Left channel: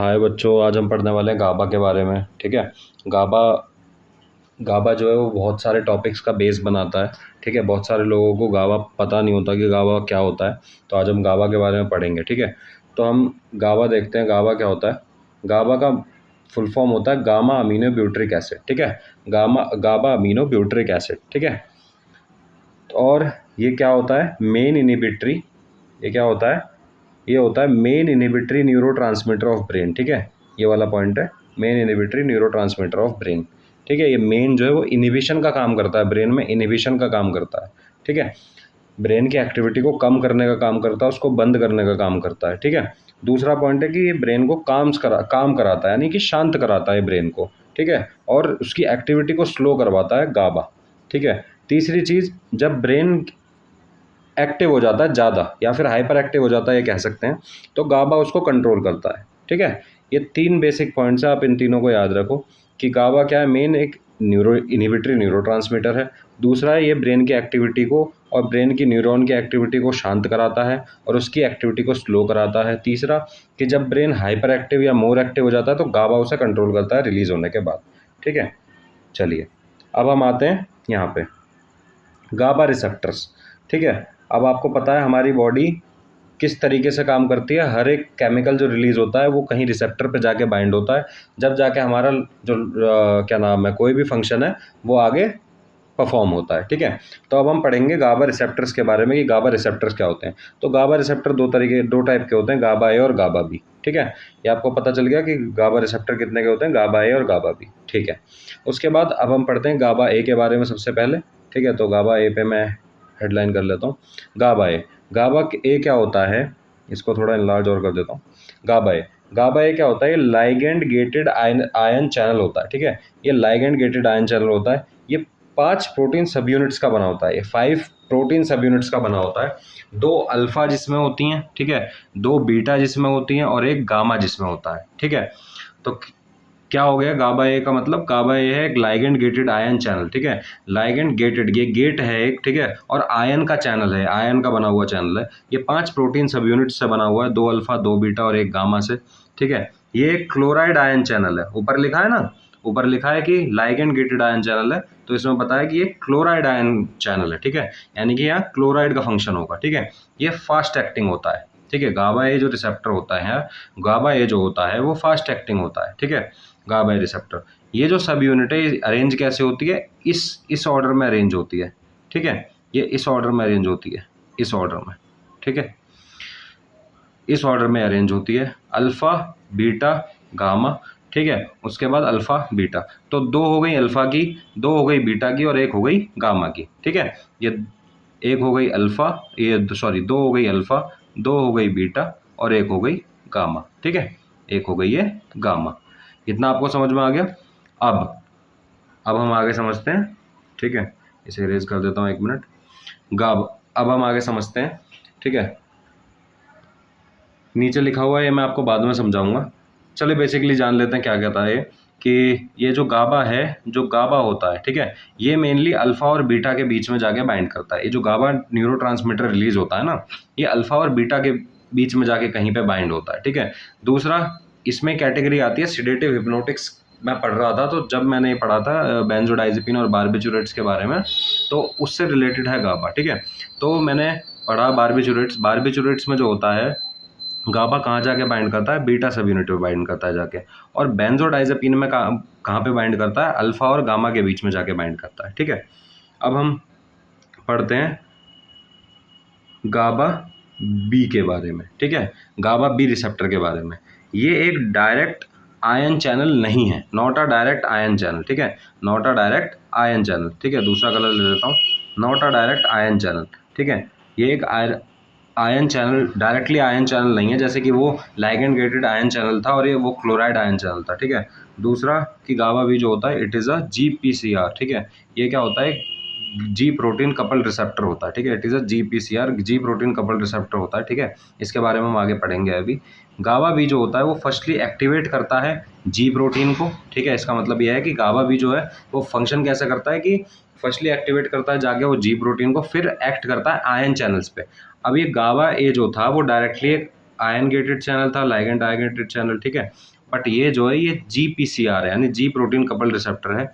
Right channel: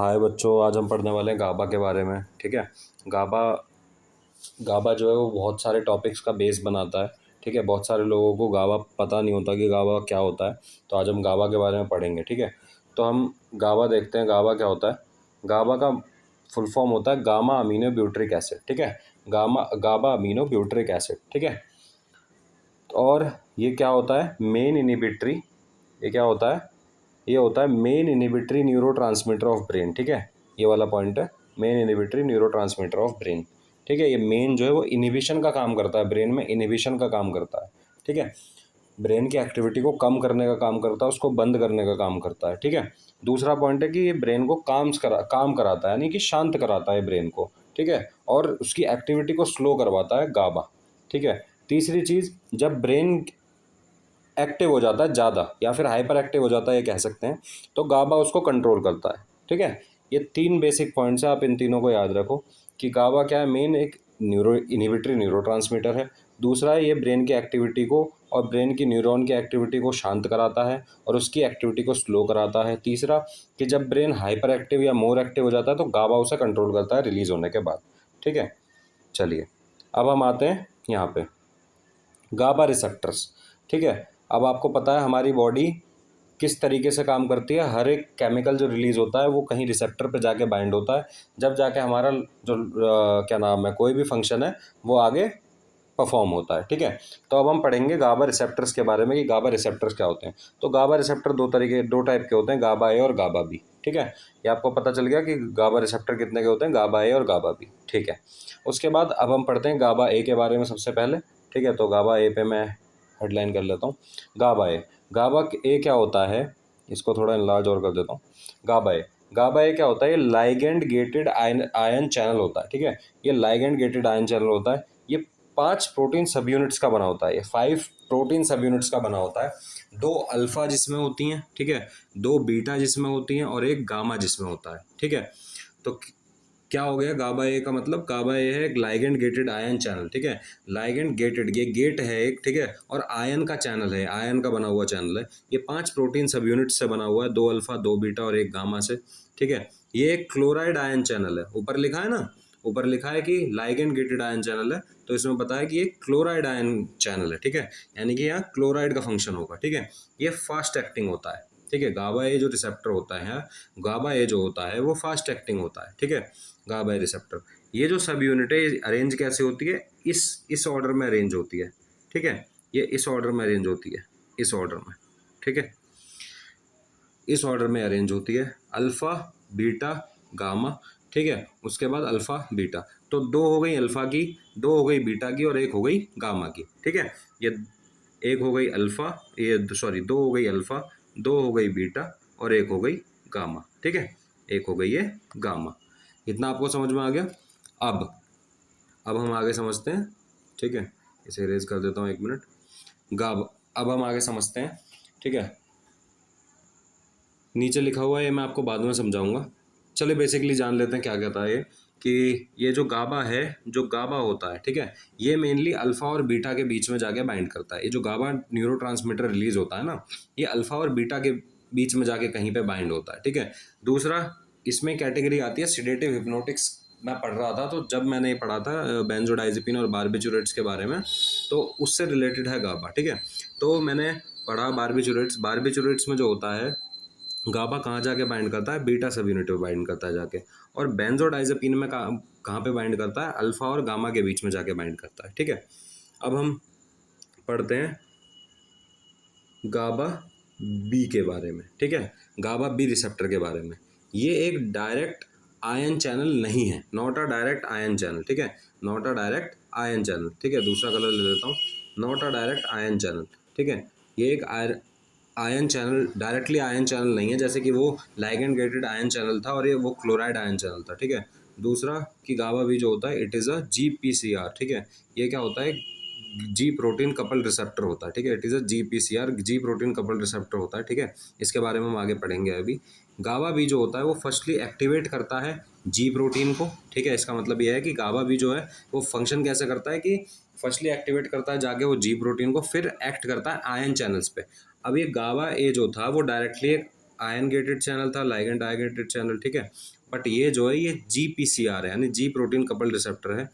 हाय बच्चों, आज हम पढ़ने वाले हैं गाबा के बारे में। ठीक है। गाबा गाबा जो है वो बहुत सारे टॉपिक्स का बेस बनाता है। ठीक है। बहुत सारे लोगों को गाबा पता नहीं होता कि गाबा क्या होता है। तो आज हम गाबा के बारे में पढ़ेंगे। ठीक है। तो हम गाबा देखते हैं, गाबा क्या होता है। गाबा का फुल फॉर्म होता है गामा अमीनो ब्यूटरिक एसिड। ठीक है। गाबा अमीनो ब्यूटरिक एसिड। ठीक है। और ये क्या होता है, मेन इनिबिटरी। ये क्या होता है, ये होता है main inhibitory neurotransmitter of brain. ठीक है। ये वाला पॉइंट है, main inhibitory neurotransmitter of brain. ठीक है। ये मेन जो है वो इनिबिशन का काम करता है, ब्रेन में इनिबिशन का काम करता है। ठीक है। ब्रेन की एक्टिविटी को कम करने का काम करता है, उसको बंद करने का काम करता है। ठीक है। दूसरा पॉइंट है कि ये ब्रेन को काम कराता है, यानी कि शांत कराता है ब्रेन को। ठीक है। और उसकी एक्टिविटी को स्लो करवाता है गाबा। ठीक है। तीसरी चीज़, जब ब्रेन एक्टिव हो जाता है ज़्यादा या फिर हाइपर एक्टिव हो जाता है, ये कह सकते हैं, तो गाबा उसको कंट्रोल करता है। ठीक है। ये तीन बेसिक पॉइंट्स हैं, आप इन तीनों को याद रखो कि गाबा क्या है, मेन एक इनिबिटरी न्यूरोट्रांसमीटर है। दूसरा है, ये ब्रेन की एक्टिविटी को और ब्रेन की न्यूरॉन की एक्टिविटी को शांत कराता है और उसकी एक्टिविटी को स्लो कराता है। तीसरा कि जब ब्रेन हाइपर एक्टिव या मोर एक्टिव हो जाता है तो गाबा उसे कंट्रोल करता है रिलीज होने के बाद। ठीक है। चलिए, अब हम आते हैं यहाँ पे गाबा रिसेप्टर्स। ठीक है। अब आपको पता है हमारी बॉडी किस तरीके से काम करती है। हर एक केमिकल जो रिलीज होता है वो कहीं रिसेप्टर पे जाके बाइंड होता है, जब जाके हमारा जो क्या नाम है, कोई भी फंक्शन है वो आगे परफॉर्म होता है। ठीक है। तो अब हम पढ़ेंगे गाबा रिसेप्टर्स के बारे में कि गाबा रिसेप्टर्स क्या होते हैं। तो गाबा रिसेप्टर दो टाइप के होते हैं, गाबा ए और गाबा बी। ठीक है। ये आपको पता चल गया कि गाबा रिसेप्टर कितने के होते हैं, गाबा ए और गाबा बी। ठीक है। उसके बाद अब हम पढ़ते हैं गाबा ए के बारे में सबसे पहले। ठीक है। तो गाबा ए पे मैं हेडलाइन कर लेता हूँ। गाबा ए, गाबा ए क्या होता है, इसको थोड़ा इनलार्ज और कर देता हूँ। गाबा ए क्या होता है, ये लाइगेंड गेटेड आयन चैनल होता है। ठीक है। ये लाइगेंड गेटेड आयन चैनल होता है। ये 5 प्रोटीन सब यूनिट्स का बना होता है। ये 5 प्रोटीन सब यूनिट्स का बना होता है। 2 अल्फा जिसमें होती हैं, ठीक है, 2 बीटा जिसमें होती हैं और एक गामा जिसमें होता है। ठीक है। तो क्या हो गया, गाबा ए का मतलब, गाबा ए है एक लाइगेंड गेटेड आयन चैनल। ठीक है। लाइगेंड गेटेड, ये गेट है एक, ठीक है, और आयन का चैनल है, आयन का बना हुआ चैनल है। ये 5 प्रोटीन सब यूनिट से बना हुआ है, 2 अल्फा 2 बीटा और एक गामा से। ठीक है। ये एक क्लोराइड आयन चैनल है, ऊपर लिखा है ना, ऊपर लिखा है कि लाइगेंड गेटेड आयन चैनल है, तो इसमें बताया कि ये क्लोराइड आयन चैनल है। ठीक है। यानी कि यहाँ क्लोराइड का फंक्शन होगा। ठीक है। ये फास्ट एक्टिंग होता है। ठीक है। गाबा ए जो रिसेप्टर होता है, गाबा ए जो होता है वो फास्ट एक्टिंग होता है। ठीक है। गाबा ए रिसेप्टर, ये जो सब यूनिट है अरेंज कैसे होती है, इस ऑर्डर में अरेंज होती है। ठीक है। ये इस ऑर्डर में अरेंज होती है, इस ऑर्डर में। ठीक है। इस ऑर्डर में अरेंज होती है, अल्फा बीटा गामा। ठीक है। उसके बाद अल्फा बीटा, तो 2 हो गई अल्फा की, 2 हो गई बीटा की और 1 हो गई गामा की। ठीक है। ये 1 हो गई अल्फा, ये सॉरी 2 हो गई अल्फा, 2 हो गई बीटा और 1 हो गई गामा। ठीक है। 1 हो गई ये गामा। इतना आपको समझ में आ गया। अब हम आगे समझते हैं। ठीक है। इसे इरेज कर देता हूँ, 1 मिनट। गाब अब हम आगे समझते हैं। ठीक है। नीचे लिखा हुआ है, ये मैं आपको बाद में समझाऊंगा। चलिए बेसिकली जान लेते हैं क्या कहता है कि ये जो गाबा है, जो गाबा होता है, ठीक है, ये मेनली अल्फा और बीटा के बीच में जाके बाइंड करता है। ये जो गाबा न्यूरोट्रांसमीटर रिलीज होता है ना, ये अल्फा और बीटा के बीच में जाके कहीं पे बाइंड होता है। ठीक है। दूसरा, इसमें कैटेगरी आती है सिडेटिव हिप्नोटिक्स। मैं पढ़ रहा था, तो जब मैंने ये पढ़ा था बेंजोडाइजेपिन और बारबिचुरेट्स के बारे में, तो उससे रिलेटेड है गाबा। ठीक है। तो मैंने पढ़ा बारबिचुरेट्स में जो होता है, गाबा कहाँ जाके बाइंड करता है, बीटा सब यूनिट पे बाइंड करता है जाके। और बेंजोडाइजेपिन में कहाँ पे बाइंड करता है, अल्फा और गामा के बीच में जाके बाइंड करता है। ठीक है। अब हम पढ़ते हैं गाबा बी के बारे में। ठीक है। गाबा बी रिसेप्टर के बारे में। ये एक डायरेक्ट आयन चैनल नहीं है, not a direct ion channel. ठीक है। Not a direct ion channel. ठीक है। दूसरा कलर ले लेता हूँ, not a direct ion channel. ठीक है। ये एक ion channel, directly ion channel नहीं है, जैसे कि वो लाइगेंड गेटेड आयन चैनल था और ये वो क्लोराइड आयन चैनल था। ठीक है। दूसरा कि गाबा भी जो होता है, इट इज़ अ GPCR। ठीक है। ये क्या होता है, जी प्रोटीन कपल रिसेप्टर होता है। ठीक है। It is a GPCR, ji protein couple receptor होता है। ठीक है। इसके बारे में हम आगे पढ़ेंगे अभी। गाबा भी जो होता है वो फर्स्टली एक्टिवेट करता है जी प्रोटीन को। ठीक है। इसका मतलब यह है कि गाबा भी जो है वो फंक्शन कैसे करता है कि फर्स्टली एक्टिवेट करता है जाके वो जी प्रोटीन को, फिर एक्ट करता है आयन चैनल्स पे। अब ये गाबा ए जो था वो डायरेक्टली एक आयन गेटेड चैनल था, लाइगेंड डाइगेटेड चैनल, ठीक है। बट ये जो है ये GPCR है, यानी जी प्रोटीन कपल रिसेप्टर है,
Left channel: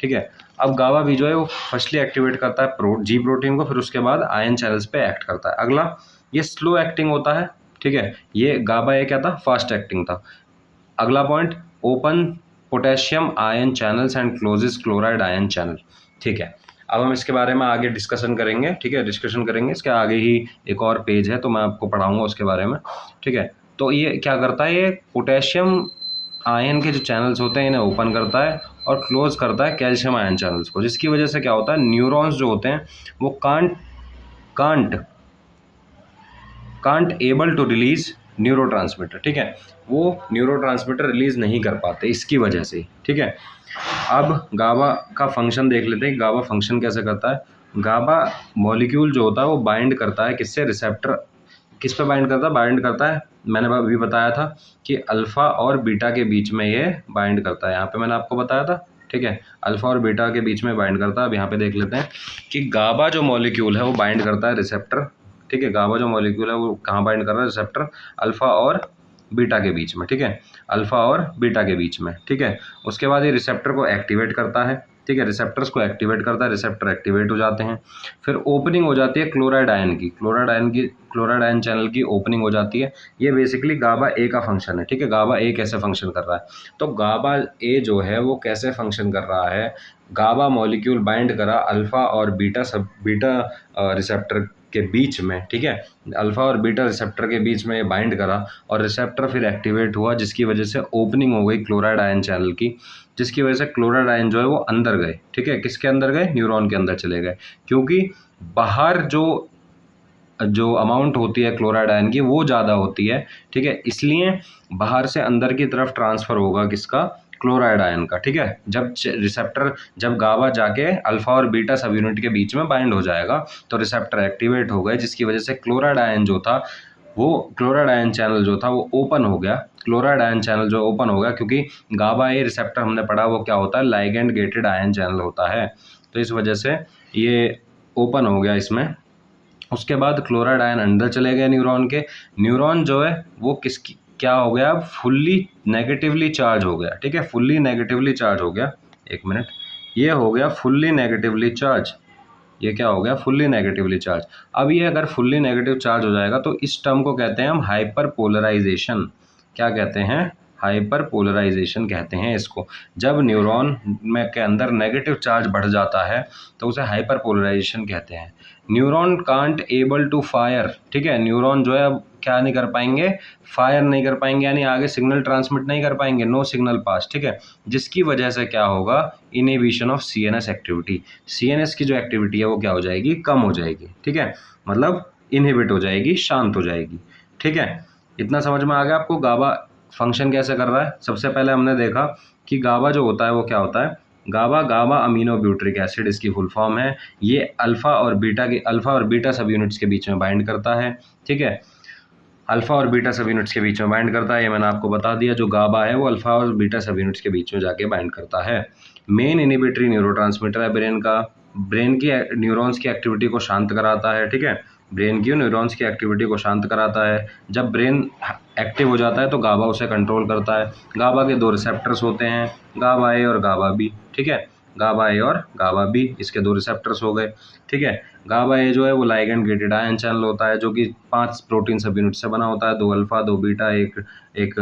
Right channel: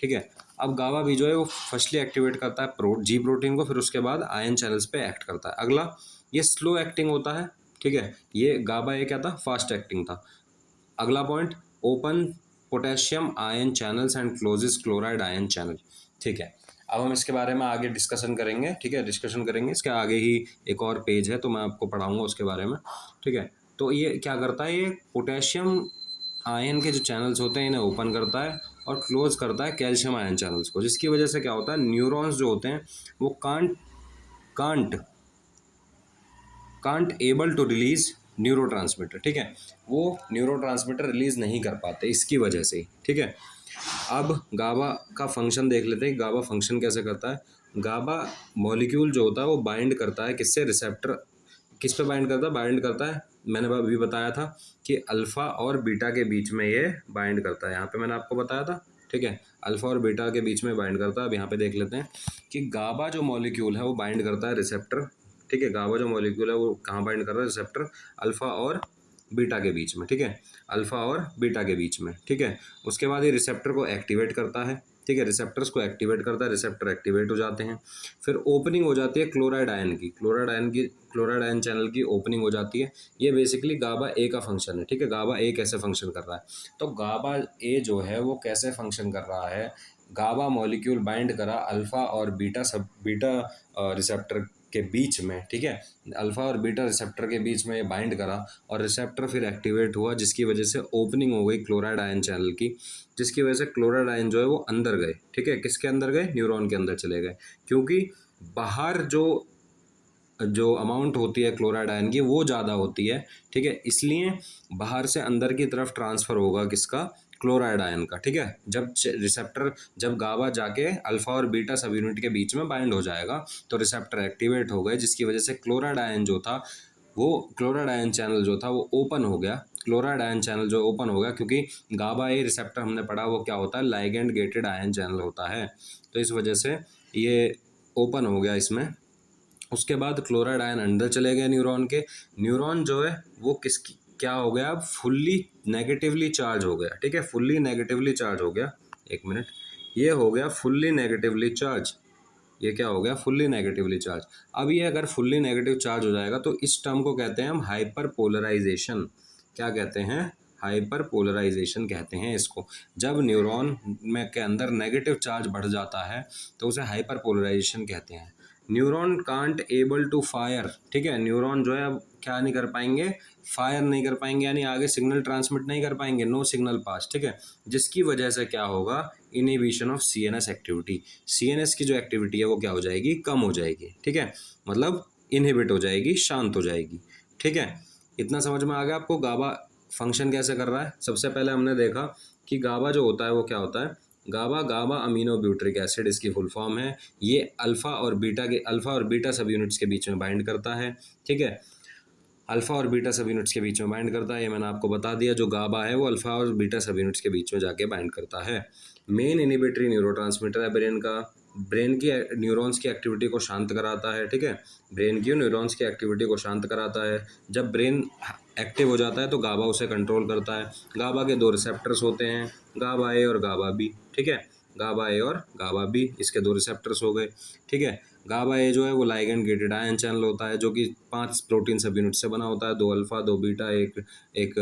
ठीक है। अब गाबा भी जो है वो फर्स्टली एक्टिवेट करता है जी प्रोटीन को, फिर उसके बाद आयन चैनल्स पे एक्ट करता है। अगला ये स्लो एक्टिंग होता है, ठीक है। ये गाबा ये क्या था, फास्ट एक्टिंग था। अगला point, open potassium ion channels and closes chloride ion channel, ठीक है। अब हम इसके बारे में आगे डिस्कशन करेंगे, ठीक है, डिस्कशन करेंगे। इसके आगे ही एक और पेज है तो मैं आपको पढ़ाऊंगा उसके बारे में, ठीक है। तो ये क्या करता है, ये पोटेशियम आयन के जो चैनल्स होते हैं इन्हें ओपन करता है और क्लोज करता है कैल्शियम आयन चैनल्स को, जिसकी वजह से क्या होता है, न्यूरॉन्स जो होते हैं वो can't able to release neurotransmitter, ठीक है। वो न्यूरोट्रांसमीटर रिलीज नहीं कर पाते इसकी वजह से, ठीक है। अब गाबा का फंक्शन देख लेते हैं, गाबा फंक्शन कैसे करता है। गाबा मॉलिक्यूल जो होता है वो बाइंड करता है किससे, रिसेप्टर, किस पे बाइंड करता है, बाइंड करता है, मैंने अभी बताया था कि अल्फा और बीटा के बीच में ये बाइंड करता है, यहाँ पे मैंने आपको बताया था, ठीक है। अल्फा और बीटा के बीच में बाइंड करता है। अब यहाँ पे देख लेते हैं कि गाबा जो मॉलिक्यूल है वो बाइंड करता है रिसेप्टर, ठीक है। गाबा जो मॉलिक्यूल है वो कहाँ बाइंड कर रहा है, रिसेप्टर अल्फा और बीटा के बीच में, ठीक है, अल्फा और बीटा के बीच में, ठीक है। उसके बाद ये रिसेप्टर को एक्टिवेट करता है, ठीक है, रिसेप्टर्स को एक्टिवेट करता है, रिसेप्टर एक्टिवेट हो जाते हैं। फिर ओपनिंग हो जाती है क्लोराइड आयन चैनल की ओपनिंग हो जाती है। ये बेसिकली गाबा ए का फंक्शन है, ठीक है। गाबा ए कैसे फंक्शन कर रहा है, तो गाबा ए जो है वो कैसे फंक्शन कर रहा है, गाबा मॉलिक्यूल बाइंड करा अल्फा और बीटा रिसेप्टर के बीच में, ठीक है। अल्फा और बीटा रिसेप्टर के बीच में बाइंड करा और रिसेप्टर फिर एक्टिवेट हुआ, जिसकी वजह से ओपनिंग हो गई क्लोराइड आयन चैनल की, जिसकी वजह से क्लोराइड आयन जो है वो अंदर गए, ठीक है। किसके अंदर गए, न्यूरॉन के अंदर चले गए, क्योंकि बाहर जो अमाउंट होती है क्लोराइड आयन की वो ज़्यादा होती है, ठीक है। इसलिए बाहर से अंदर की तरफ ट्रांसफ़र होगा किसका, क्लोराइड आयन का, ठीक है। जब गाबा जाके अल्फा और बीटा सब यूनिट के बीच में बाइंड हो जाएगा तो रिसेप्टर एक्टिवेट हो गए, जिसकी वजह से क्लोराइड आयन जो था वो क्लोराइड आयन चैनल जो था वो ओपन हो गया। क्लोराइड आयन चैनल जो ओपन हो गया, क्योंकि गाबा ए रिसेप्टर हमने पढ़ा वो क्या होता है, लाइगेंड गेटेड आयन चैनल होता है, तो इस वजह से ये ओपन हो गया इसमें। उसके बाद क्लोराइड आयन अंदर चले गए न्यूरॉन के, न्यूरॉन जो है वो किसकी क्या हो गया, फुल्ली नेगेटिवली चार्ज हो गया, ठीक है, फुल्ली नेगेटिवली चार्ज हो गया। एक मिनट, ये हो गया फुल्ली नेगेटिवली चार्ज, ये क्या हो गया, फुल्ली नेगेटिवली चार्ज। अब ये अगर फुल्ली नेगेटिव चार्ज हो जाएगा तो इस टर्म को कहते हैं हम हाइपर पोलराइजेशन। क्या कहते हैं, हाइपर पोलराइजेशन कहते हैं इसको। जब न्यूरॉन में के अंदर नेगेटिव चार्ज बढ़ जाता है तो उसे हाइपर पोलराइजेशन कहते हैं। Neuron can't able to fire, ठीक है, न्यूरॉन जो है अब क्या नहीं कर पाएंगे, फायर नहीं कर पाएंगे, यानी आगे सिग्नल ट्रांसमिट नहीं कर पाएंगे, नो सिग्नल पास, ठीक है। जिसकी वजह से क्या होगा, inhibition of CNS activity, CNS की जो एक्टिविटी है वो क्या हो जाएगी, कम हो जाएगी, ठीक है, मतलब इनहिबिट हो जाएगी, शांत हो जाएगी, ठीक है। इतना समझ में आ गया आपको गाबा फंक्शन कैसे कर रहा है। सबसे पहले हमने देखा कि गाबा जो होता है वो क्या होता है, गाबा अमीनो ब्यूट्रिक एसिड इसकी फुल फॉर्म है। ये अल्फा और बीटा सब यूनिट्स के बीच में बाइंड करता है, ठीक है, अल्फा और बीटा सब यूनिट्स के बीच में बाइंड करता है, ये मैंने आपको बता दिया। जो गाबा है वो अल्फा और बीटा सब यूनिट्स के बीच में जाके बाइंड करता है। मेन इनिबिटरी न्यूरोट्रांसमीटर है ब्रेन का, ब्रेन की न्यूरॉन्स की एक्टिविटी को शांत कराता है, ठीक है, ब्रेन की न्यूरॉन्स की एक्टिविटी को शांत कराता है। जब ब्रेन एक्टिव हो जाता है तो गाबा उसे कंट्रोल करता है। गाबा के दो रिसेप्टर्स होते हैं, गाबा ए और गाबा बी, ठीक है, गाबा ए और गाबा बी, इसके दो रिसेप्टर्स हो गए, ठीक है। गाबा ए जो है वो लाइगेंड गेटेड आयन चैनल होता है, जो कि 5 प्रोटीन सब यूनिट से बना होता है, 2 अल्फा 2 बीटा एक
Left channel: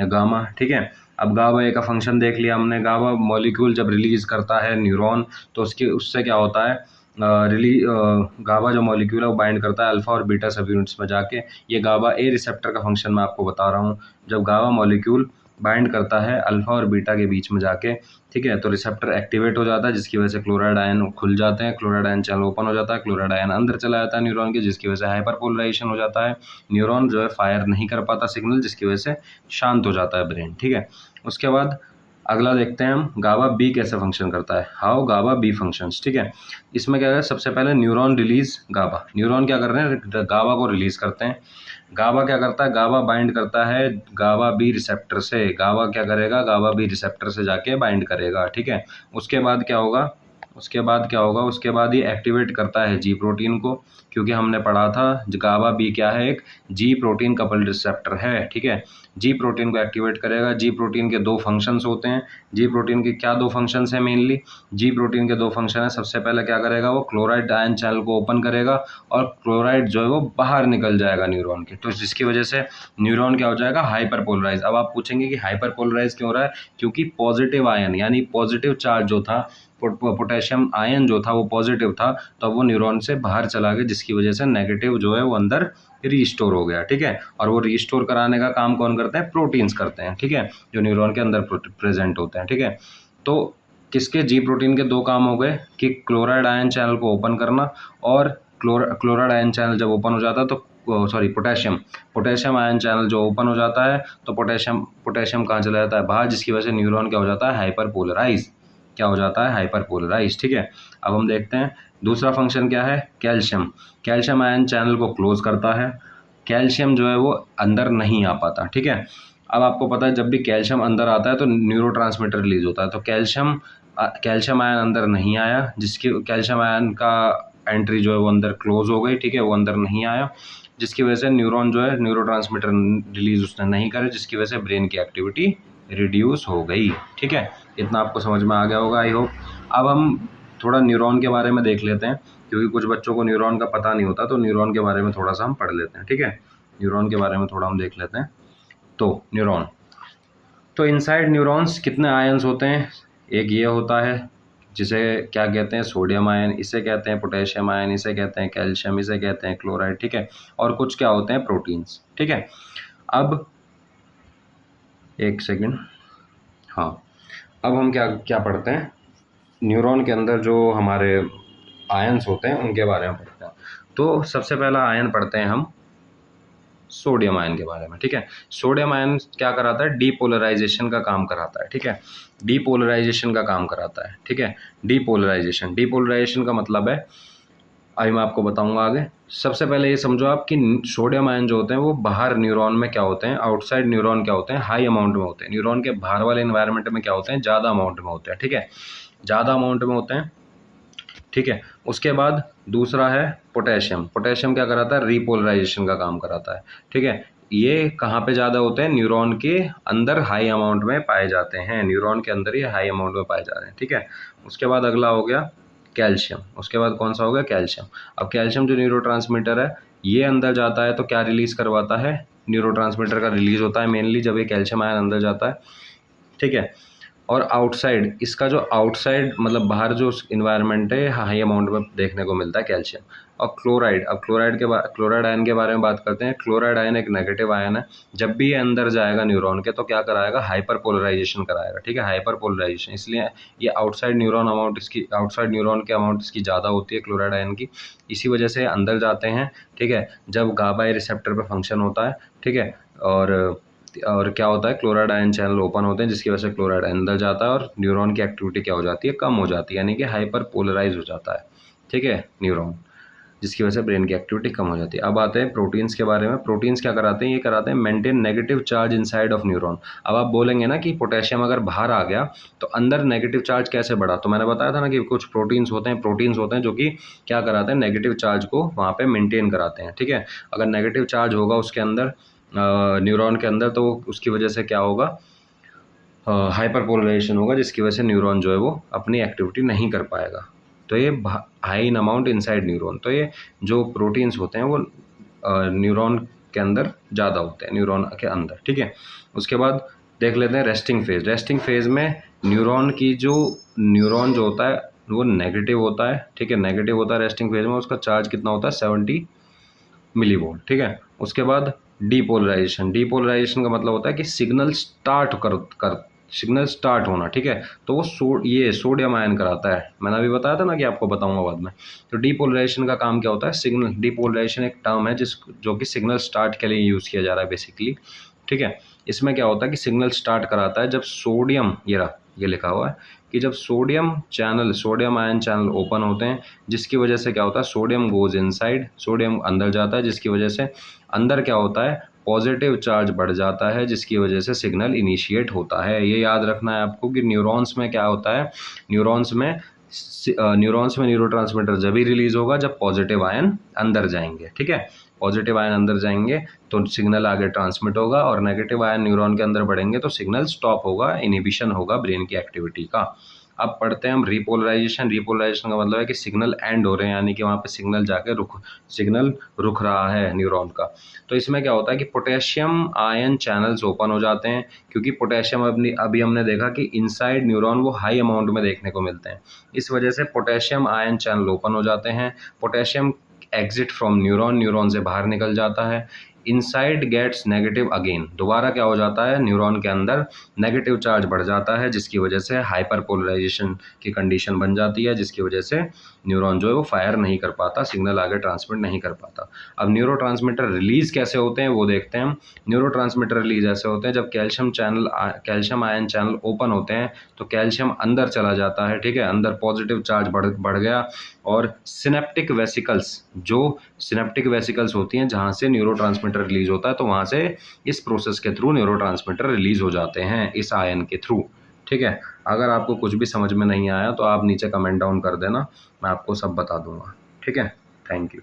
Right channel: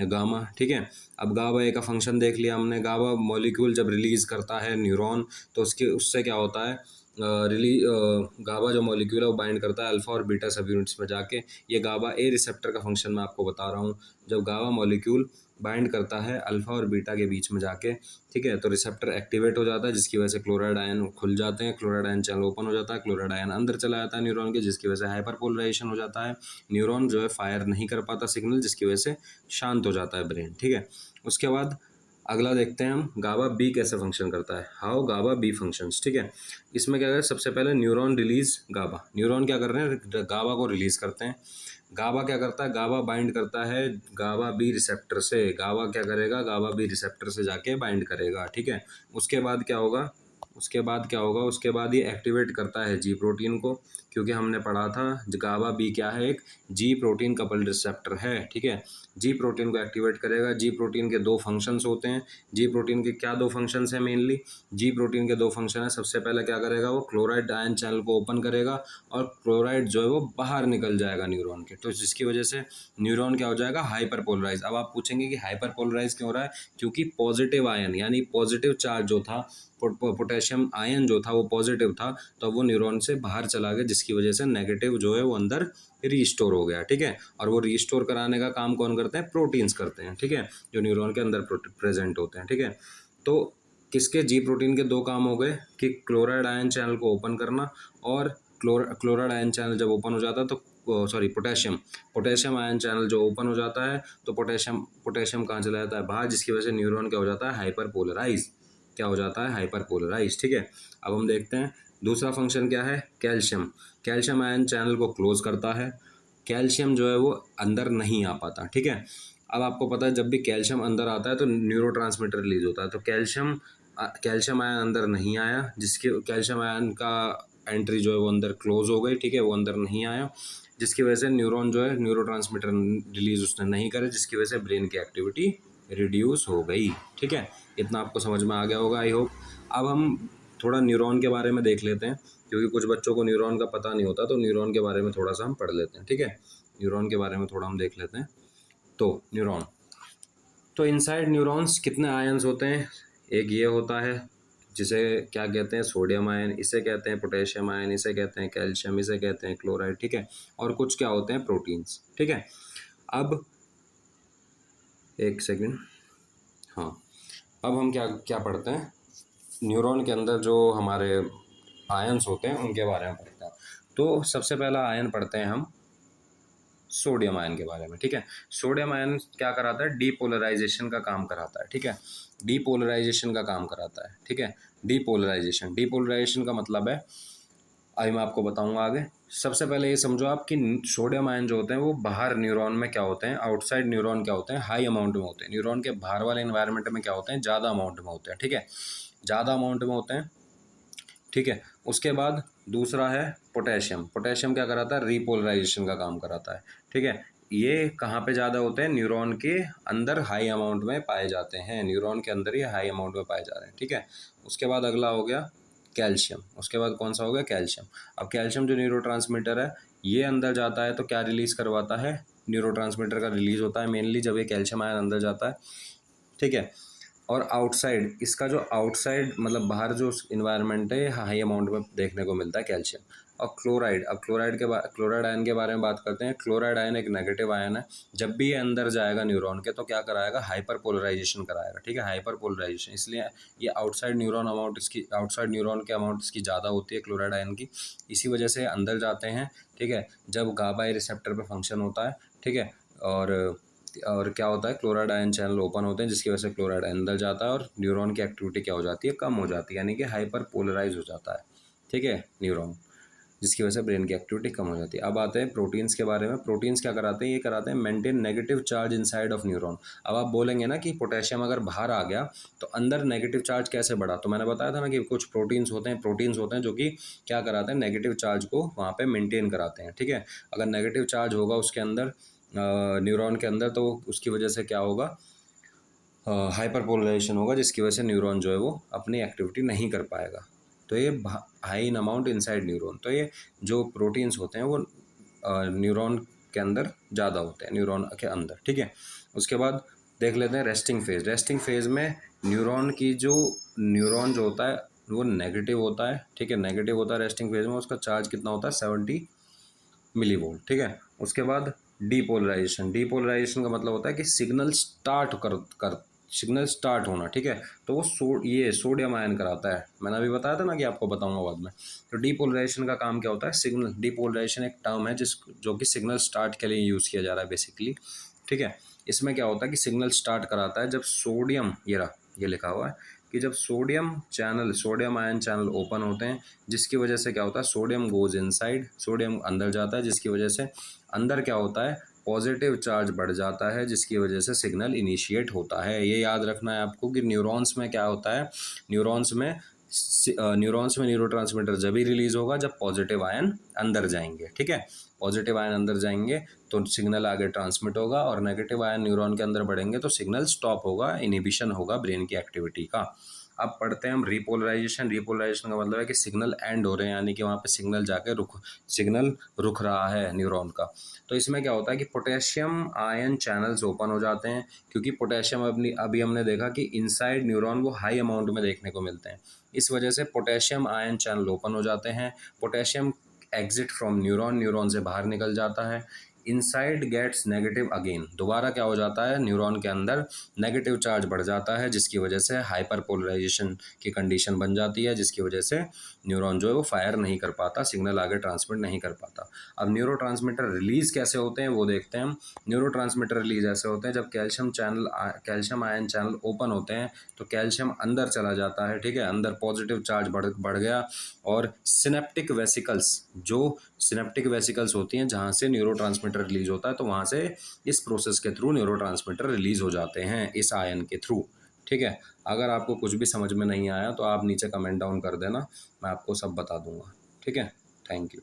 गामा, ठीक है। अब गाबा ए का फंक्शन देख लिया हमने। गाबा मॉलिक्यूल जब रिलीज़ करता है न्यूरॉन तो उससे क्या होता है, गाबा जो मॉलिक्यूल है वो बाइंड करता है अल्फा और बीटा सब यूनिट्स में जाके। ये गाबा ए रिसेप्टर का फंक्शन मैं आपको बता रहा हूँ। जब गाबा मॉलिक्यूल बाइंड करता है अल्फा और बीटा के बीच में जाके, ठीक है, तो रिसेप्टर एक्टिवेट हो जाता है, जिसकी वजह से क्लोराइड आयन खुल जाते हैं, क्लोराइड आयन चैनल ओपन हो जाता है, क्लोराइड आयन अंदर चला जाता है न्यूरॉन के, जिसकी वजह से हाइपर पोलराइजेशन हो जाता है। न्यूरॉन जो है फायर नहीं कर पाता सिग्नल, जिसकी वजह से शांत हो जाता है ब्रेन, ठीक है। उसके बाद अगला देखते हैं हम गाबा बी कैसे फंक्शन करता है, हाउ गाबा बी फंक्शंस, ठीक है। इसमें क्या है, सबसे पहले न्यूरॉन रिलीज गाबा, न्यूरॉन क्या कर रहे हैं, गाबा को रिलीज करते हैं। गाबा क्या करता है, गाबा बाइंड करता है गाबा बी रिसेप्टर से। गाबा क्या करेगा, गाबा बी रिसेप्टर से जाके बाइंड करेगा, ठीक है। उसके बाद क्या होगा, उसके बाद ये एक्टिवेट करता है जी प्रोटीन को, क्योंकि हमने पढ़ा था गाबा बी क्या है, एक जी प्रोटीन कपल्ड रिसेप्टर है, ठीक है। जी प्रोटीन को एक्टिवेट करेगा। जी प्रोटीन के दो फंक्शंस होते हैं। जी प्रोटीन के क्या दो फंक्शंस हैं मेनली? जी प्रोटीन के दो फंक्शन है। सबसे पहले क्या करेगा वो, क्लोराइड आयन चैनल को ओपन करेगा और क्लोराइड जो है वो बाहर निकल जाएगा न्यूरॉन के, तो जिसकी वजह से न्यूरॉन क्या हो जाएगा, हाइपर पोलराइज। अब आप पूछेंगे कि हाइपर पोलराइज क्यों हो रहा है? क्योंकि पॉजिटिव आयन यानी पॉजिटिव चार्ज जो था, पोटेशियम आयन जो था वो पॉजिटिव था, तो अब वो न्यूरॉन से बाहर चला गया, जिसकी वजह से नेगेटिव जो है वो अंदर रीस्टोर हो गया, ठीक है। और वो रीस्टोर कराने का काम कौन करते हैं? प्रोटीन्स करते हैं, ठीक है, जो न्यूरॉन के अंदर प्रेजेंट होते हैं, ठीक है। तो किसके, जी प्रोटीन के दो काम हो गए कि क्लोराइड आयन चैनल को ओपन करना, और क्लोराइड आयन चैनल जब ओपन हो जाता है तो पोटेशियम आयन चैनल जो ओपन हो जाता है तो पोटेशियम कहाँ चला जाता है? बाहर, जिसकी वजह से न्यूरॉन क्या हो जाता है? Hyperpolarise. क्या हो जाता है? हाइपर पोलराइज, ठीक है। अब हम देखते हैं दूसरा फंक्शन क्या है, कैल्शियम आयन चैनल को क्लोज करता है। कैल्शियम जो है वो अंदर नहीं आ पाता, ठीक है। अब आपको पता है जब भी कैल्शियम अंदर आता है तो न्यूरोट्रांसमीटर रिलीज होता है, तो कैल्शियम आयन अंदर नहीं आया, जिसकी कैल्शियम आयन का एंट्री जो है वो अंदर क्लोज हो गई, ठीक है, वो अंदर नहीं आया, जिसकी वजह से न्यूरॉन जो है न्यूरोट्रांसमीटर रिलीज उसने नहीं करे, जिसकी वजह से ब्रेन की एक्टिविटी रिड्यूस हो गई, ठीक है। इतना आपको समझ में आ गया होगा, आई होप। अब हम थोड़ा न्यूरॉन के बारे में देख लेते हैं, क्योंकि कुछ बच्चों को न्यूरॉन का पता नहीं होता, तो न्यूरॉन के बारे में थोड़ा सा हम पढ़ लेते हैं, ठीक है। न्यूरॉन के बारे में थोड़ा हम देख लेते हैं। तो न्यूरॉन, तो इनसाइड न्यूरॉन्स कितने आयन्स होते हैं? एक ये होता है जिसे क्या कहते हैं, सोडियम आयन, इसे कहते हैं पोटेशियम आयन, इसे कहते हैं कैल्शियम, इसे कहते हैं क्लोराइड, ठीक है। और कुछ क्या होते हैं, प्रोटीन्स, ठीक है। अब एक सेकंड, हाँ, अब हम क्या क्या पढ़ते हैं, न्यूरॉन के अंदर जो हमारे आयन्स होते हैं उनके बारे में पढ़ते हैं। तो सबसे पहला आयन पढ़ते हैं हम सोडियम आयन के बारे में, ठीक है। सोडियम आयन क्या कराता है? डीपोलराइजेशन का काम कराता है, ठीक है। डीपोलराइजेशन का काम कराता है, ठीक है। डीपोलराइजेशन का मतलब है, अभी मैं आपको बताऊंगा आगे। सबसे पहले ये समझो आप कि सोडियम आयन जो होते हैं वो बाहर न्यूरॉन में क्या होते हैं, आउटसाइड न्यूरॉन क्या होते हैं, हाई अमाउंट में होते हैं। न्यूरॉन के बाहर वाले इन्वायरमेंट में क्या होते हैं, ज़्यादा अमाउंट में होते हैं, ठीक है, ज़्यादा अमाउंट में होते हैं, ठीक है। उसके बाद दूसरा है पोटेशियम क्या कराता है? रीपोलराइजेशन का काम कराता है, ठीक है। ये कहाँ पे ज़्यादा होते हैं? न्यूरॉन के अंदर हाई अमाउंट में पाए जाते हैं, न्यूरॉन के अंदर ये हाई अमाउंट में पाए जाते हैं, ठीक है। उसके बाद अगला हो गया कैल्शियम। उसके बाद कौन सा हो गया? कैल्शियम। अब कैल्शियम जो न्यूरोट्रांसमीटर है, ये अंदर जाता है तो क्या रिलीज़ करवाता है? न्यूरोट्रांसमीटर का रिलीज़ होता है मेनली जब ये कैल्शियम आयन अंदर जाता है, ठीक है। और आउटसाइड, इसका जो आउटसाइड मतलब बाहर जो इन्वायरमेंट है, हाई अमाउंट में देखने को मिलता है कैल्शियम। और क्लोराइड, अब क्लोराइड आयन के बारे में बात करते हैं। क्लोराइड आयन एक नेगेटिव आयन है। जब भी ये अंदर जाएगा न्यूरॉन के तो क्या कराएगा? हाइपर पोलराइजेशन कराएगा, ठीक है, हाइपर पोलराइजेशन। इसलिए ये आउटसाइड न्यूरॉन के अमाउंट इसकी ज़्यादा होती है क्लोराइड आयन की, इसी वजह से अंदर जाते हैं, ठीक है, जब गाबा रिसेप्टर पर फंक्शन होता है, ठीक है। और क्या होता है, क्लोराइड आयन चैनल ओपन होते हैं, जिसकी वजह से क्लोराइड अंदर जाता है और न्यूरॉन की एक्टिविटी क्या हो जाती है? कम हो जाती है, यानी कि हाइपर पोलराइज हो जाता है, ठीक है, न्यूरॉन, जिसकी वजह से ब्रेन की एक्टिविटी कम हो जाती है। अब आते हैं प्रोटीन्स के बारे में। प्रोटीन्स क्या कराते हैं? ये कराते हैं maintain negative charge inside of neuron. अब आप बोलेंगे ना कि पोटेशियम अगर बाहर आ गया तो अंदर नेगेटिव चार्ज कैसे बढ़ा? तो मैंने बताया था ना कि कुछ प्रोटीन्स होते हैं जो कि क्या कराते हैं? नेगेटिव चार्ज को वहाँ पे मेंटेन कराते हैं, ठीक है। अगर नेगेटिव चार्ज होगा उसके अंदर, न्यूरॉन के अंदर, तो उसकी वजह से क्या होगा? हाइपर पोलराइजेशन होगा, जिसकी वजह से न्यूरॉन जो है वो अपनी एक्टिविटी नहीं कर पाएगा। तो ये high in amount inside neuron, तो ये जो प्रोटीन्स होते हैं वो न्यूरॉन के अंदर ज़्यादा होते हैं, न्यूरॉन के अंदर, ठीक है। उसके बाद देख लेते हैं रेस्टिंग फेज में न्यूरॉन जो होता है वो नेगेटिव होता है, ठीक है, नेगेटिव होता है रेस्टिंग फेज में। उसका चार्ज कितना होता है? 70 मिलीवोल्ट, ठीक है। उसके बाद डीपोलराइजेशन का मतलब होता है कि सिग्नल स्टार्ट होना, ठीक है। तो वो ये सोडियम आयन कराता है, मैंने अभी बताया था ना कि आपको बताऊंगा बाद में। तो डीपोलराइजेशन का काम क्या होता है? डीपोलराइजेशन एक टर्म है जो कि सिग्नल स्टार्ट के लिए यूज़ किया जा रहा है बेसिकली, ठीक है। इसमें क्या होता है कि सिग्नल स्टार्ट कराता है जब सोडियम, ये लिखा हुआ है कि जब सोडियम आयन चैनल ओपन होते हैं, जिसकी वजह से क्या होता है? सोडियम गोज इनसाइड, सोडियम अंदर जाता है, जिसकी वजह से अंदर क्या होता है? पॉजिटिव चार्ज बढ़ जाता है, जिसकी वजह से सिग्नल इनिशिएट होता है। ये याद रखना है आपको कि न्यूरॉन्स में क्या होता है? न्यूरॉन्स में न्यूरॉन्स में न्यूरोट्रांसमीटर जब ही रिलीज होगा जब पॉजिटिव आयन अंदर जाएंगे, ठीक है। पॉजिटिव आयन अंदर जाएंगे तो सिग्नल आगे ट्रांसमिट होगा, और नेगेटिव आयन न्यूरॉन के अंदर बढ़ेंगे तो सिग्नल स्टॉप होगा, इनहिबिशन होगा ब्रेन की एक्टिविटी का। अब पढ़ते हैं हम रिपोलराइजेशन। रिपोलराइजेशन का मतलब है कि सिग्नल एंड हो रहे हैं, यानी कि वहाँ पे सिग्नल रुक रहा है न्यूरॉन का। तो इसमें क्या होता है कि पोटेशियम आयन चैनल्स ओपन हो जाते हैं, क्योंकि पोटेशियम अभी हमने देखा कि इनसाइड न्यूरॉन वो हाई अमाउंट में देखने को मिलते हैं। इस वजह से पोटेशियम आयन चैनल ओपन हो जाते हैं। Potassium exit from neuron, neuron से बाहर निकल जाता है। इनसाइड गेट्स नेगेटिव अगेन, दोबारा क्या हो जाता है, न्यूरॉन के अंदर नेगेटिव चार्ज बढ़ जाता है, जिसकी वजह से हाइपर पोलराइजेशन की कंडीशन बन जाती है, जिसकी वजह से न्यूरॉन जो है वो फायर नहीं कर पाता, सिग्नल आगे ट्रांसमिट नहीं कर पाता। अब न्यूरोट्रांसमीटर रिलीज कैसे होते हैं वो देखते हैं हम। न्यूरोट्रांसमीटर रिलीज ऐसे होते हैं जब कैल्शियम आयन चैनल ओपन होते हैं तो कैल्शियम अंदर चला जाता है, ठीक है। अंदर पॉजिटिव चार्ज बढ़ गया, और सिनेप्टिक वेसिकल्स होती हैं जहाँ से न्यूरोट्रांसमीटर रिलीज होता है, तो वहाँ से इस प्रोसेस के थ्रू न्यूरोट्रांसमीटर रिलीज हो जाते हैं इस आयन के थ्रू, ठीक है। अगर आपको कुछ भी समझ में नहीं आया तो आप नीचे कमेंट डाउन कर देना, मैं आपको सब बता दूंगा, ठीक है। Thank you.